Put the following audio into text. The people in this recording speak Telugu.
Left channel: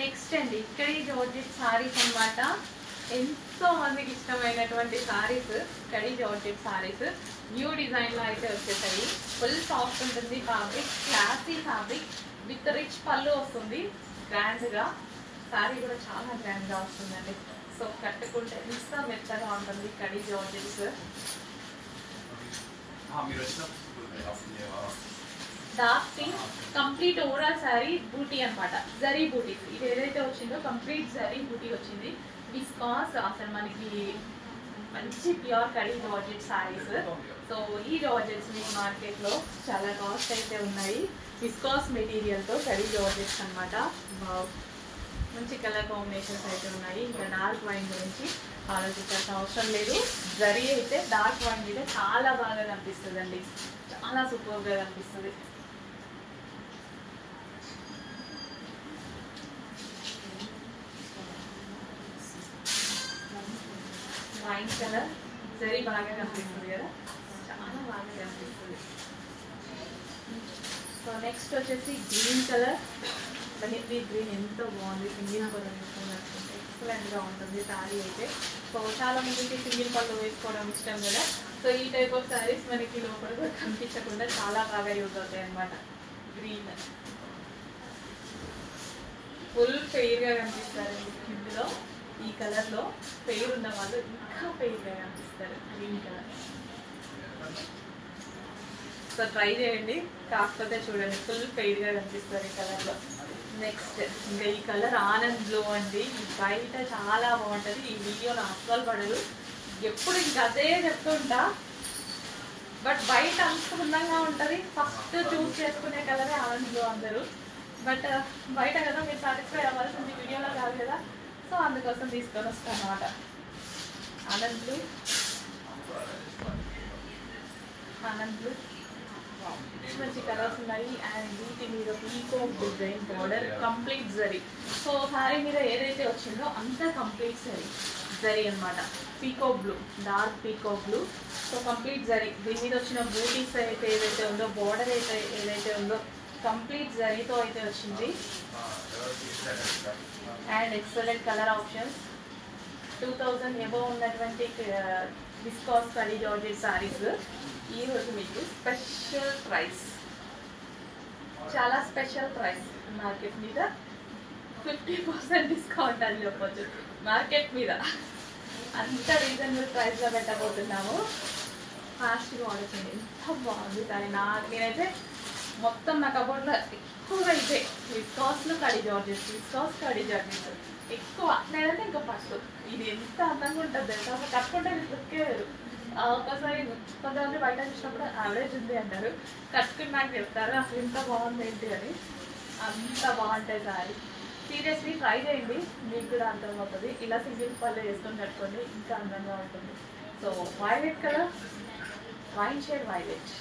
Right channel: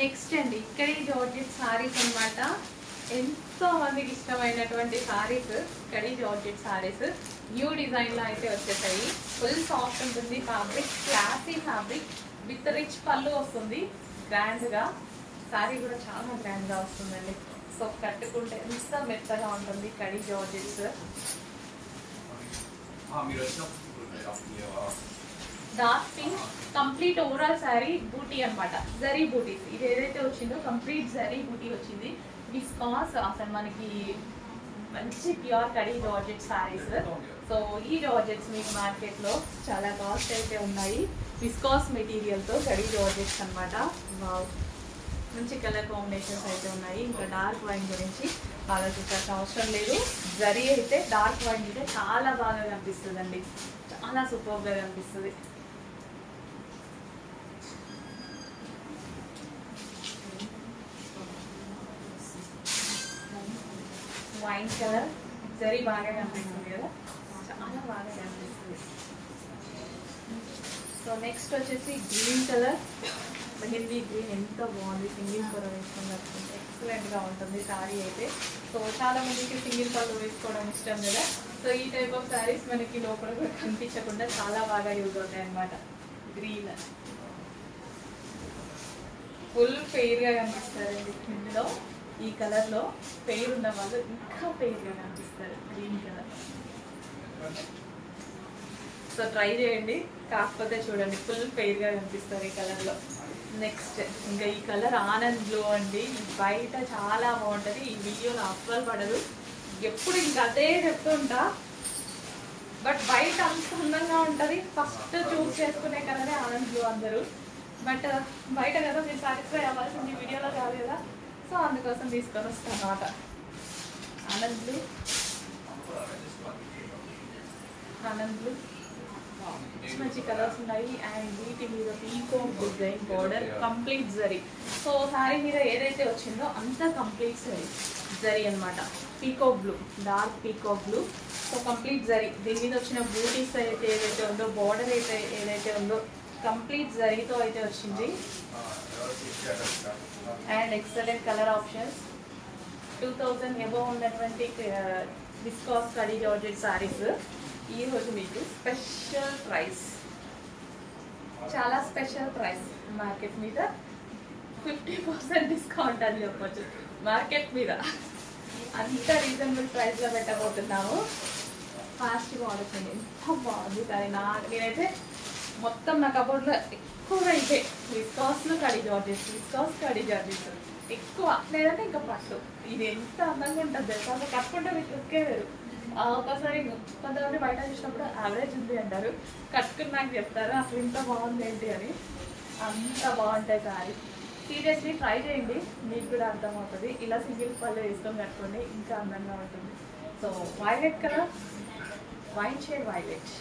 నెక్స్ట్ అండి ఇక్కడ జార్జెట్ సారీస్ అన్నమాట. ఎంతో మందికి ఇష్టమైనటువంటి సారీస్ కడి జార్జెట్ సారీస్ న్యూ డిజైన్ లో అయితే వచ్చేసాయి. ఫుల్ సాఫ్ట్ ఉంటుంది fabric, classy fabric with rich పళ్ళు వస్తుంది. గ్రాండ్ గా సారీ కూడా చాలా గ్రాండ్ గా వస్తుందండి. సో కట్టుకుంటే ఎంత మెత్తగా ఉంటుంది కడి georgettes. Dark pink complete overall sari బూటీ అన్నమాట. జరీ బూటీ ఇది ఏదైతే వచ్చిందో కంప్లీట్ జరీ బూటీ వచ్చింది. విస్కాస్ అసలు మనకి మంచి ప్యూర్ కడి జార్జెట్ సారీస్. సో ఈ జార్జెట్స్ మీకు మార్కెట్ లో చాలా కాస్ట్ అయితే ఉన్నాయి. విస్కాస్ మెటీరియల్ తో కడి జార్జెట్స్ అన్నమాట. మంచి కలర్ కాంబినేషన్స్ అయితే ఉన్నాయి. ఇంకా డార్క్ వైన్ గురించి ఆలోచించాల్సిన అవసరం లేదు. జరీ అయితే డార్క్ వైన్ మీద చాలా బాగా కనిపిస్తుంది అండి, చాలా సూపర్ గా కనిపిస్తుంది. వైన్ కలర్ జరీ బాగా కనిపిస్తుంది కదా, చాలా బాగా కనిపిస్తుంది. సో నెక్స్ట్ వచ్చేసి గ్రీన్ కలర్. మెహందీ గ్రీన్ ఎంత బాగుంది, సింగిల్ పళ్ళు వేసుకొని కట్టుకుంటే ఎక్సలెంట్ గా ఉంటుంది శారీ అయితే. సో చాలా మందికి సింగిల్ పళ్ళు వేసుకోవడం ఇష్టం కదా. సో ఈ టైప్ ఆఫ్ శారీస్ మనకి లోపల కూడా కనిపించకుండా చాలా బాగా యూజ్ అవుతాయి అన్నమాట. గ్రీన్ ఫుల్ ఫెయిర్ గా కనిపిస్తారు ఇందులో. ఈ కలర్ లో ఫెయిర్ ఉన్న వాళ్ళు ఇంకా ఫెయిర్ గా కనిపిస్తారు గ్రీన్ కలర్. సో ట్రై చేయండి, కాకపోతే చూడండి ఫుల్ ఫెయిర్ గా కనిపిస్తారు ఈ కలర్ లో. నెక్స్ట్ ఇంకా ఈ కలర్ ఆనంద్ బ్లూ అండి. బయట చాలా బాగుంటది, ఈ వీడియోలో అస్సలు పడదు. ఎప్పుడు ఇంకా అదే చెప్తుంటా, బట్ బయట అంత అందంగా ఉంటది. ఫస్ట్ చూస్ చేసుకునే కలరే ఆనంద్ బ్లూ అందరూ. బట్ బయట కదా మీరు సాటిస్ఫై అవ్వాల్సింది, వీడియోలో కాదు కదా. సో అందుకోసం తీసుకొని వస్తాను అన్నమాట. ఆనంద్ బ్లూ, ఆనంద్ బ్లూ మంచి కలర్స్ ఉన్నాయి. అండ్ వీటి మీద picot design border complete zari. So sari మీద ఏదైతే వచ్చిందో అంతా కంప్లీట్ జరీ అన్నమాట. Peacock blue, dark peacock blue. So complete zari. దీని మీద వచ్చిన బూటీస్ అయితే ఏదైతే ఉందో, బోర్డర్ అయితే ఏదైతే ఉందో కంప్లీట్ జరీతో అయితే వచ్చింది. And excellent colour options. 2000 above ఉన్నటువంటి విస్కాస్ కడి జార్జెట్ సారీస్ ఈ రోజు మీకు స్పెషల్ ప్రైస్, చాలా స్పెషల్ ప్రైస్. మార్కెట్ మీద 50% డిస్కౌంట్ అని చెప్పొచ్చు. మార్కెట్ మీద అంత రీజనబుల్ ప్రైస్ లో పెట్టబోతున్నాము. ఫాస్ట్గా ఆలోచండి, ఎంత బాగుంది కానీ నేనైతే మొత్తం నా కబోర్డ్లో ఎక్కువగా ఇదే విస్కాస్లో కడి జార్జెస్, విస్కాస్ కడి జార్జెస్ ఎక్కువ. లేదంటే ఇంకా ఫస్ట్ ఇది ఎంత అందంగా ఉంటుంది తెలుసా, కట్టుకుంటే మీకు లుక్కే వేరు. ఒకసారి కొంతమంది బయట చూసినప్పుడు యావరేజ్ ఉంది అంటారు, కట్టుకుని నాకు చెప్తారు అసలు ఇంత బాగుంది ఏంటి అని. అంత బాగుంటాయి సారీ. సీరియస్లీ ట్రై చేయండి, మీకు కూడా అర్థమవుతుంది. ఇలా సింగిల్ పళ్ళు వేసుకొని కట్టుకోండి, ఇంకా అందంగా ఉంటుంది. So violet colour, wine shade violet.